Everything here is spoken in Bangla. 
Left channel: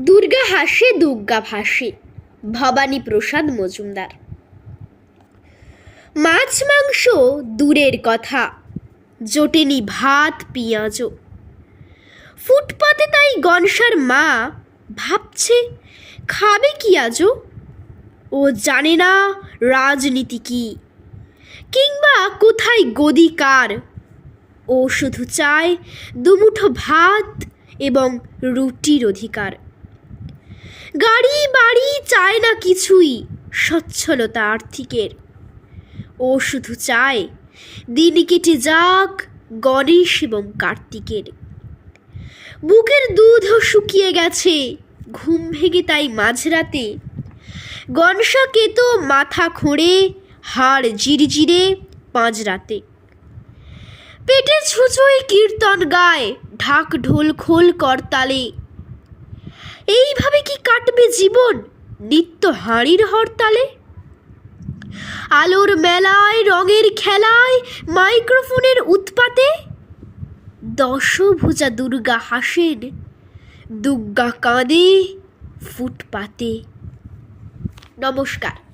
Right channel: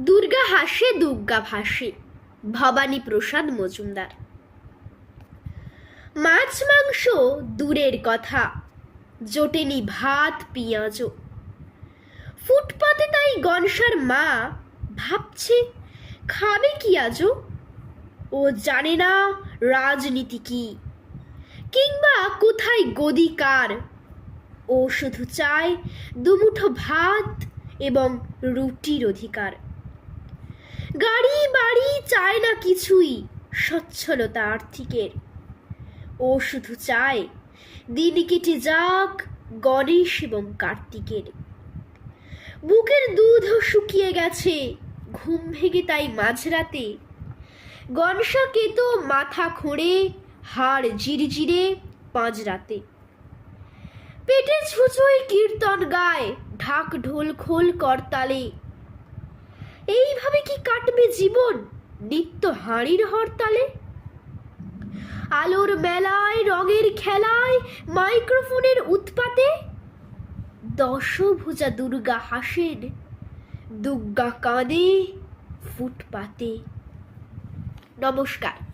দুর্গা হাসে, দুর্গা ভাসে। ভবানী প্রসাদ মজুমদার। মাছ মাংস দূরের কথা, জোটেনি ভাত, পেঁয়াজও। ফুটপাতে তাই গনসার মা ভাবছে, খাবে কি আজও? ও জানে না রাজনীতি কি। কিংবা কোথায় গদি কার? ও শুধু চায় দুমুঠো ভাত এবং রুটির অধিকার। গাড়ি, বাড়ি চায় না কিছুই, সচ্ছলতা আর্থিকের। ও শুধু চায়, দিন কেটে যাক গণেশ এবং কার্তিকের। বুকের দুধও শুকিয়ে গেছে, ঘুম ভেঙে তাই মাঝরাতে। গনসাকে তো মাথা খোঁড়ে, হাড় জিরজিরে পাঁজরাতে। পেটে ছুঁচোয় কীর্তন গায়, ঢাক ঢোল খোল করতালে। এইভাবে কি কাটবে জীবন? নিত্য হাঁড়ির হরতালে? আলোর মেলায়, রঙের খেলায়, মাইক্রোফোনের উৎপাতে? দশভুজা দুর্গা হাসেন, দুর্গা কাঁদে ফুটপাতে। নমস্কার।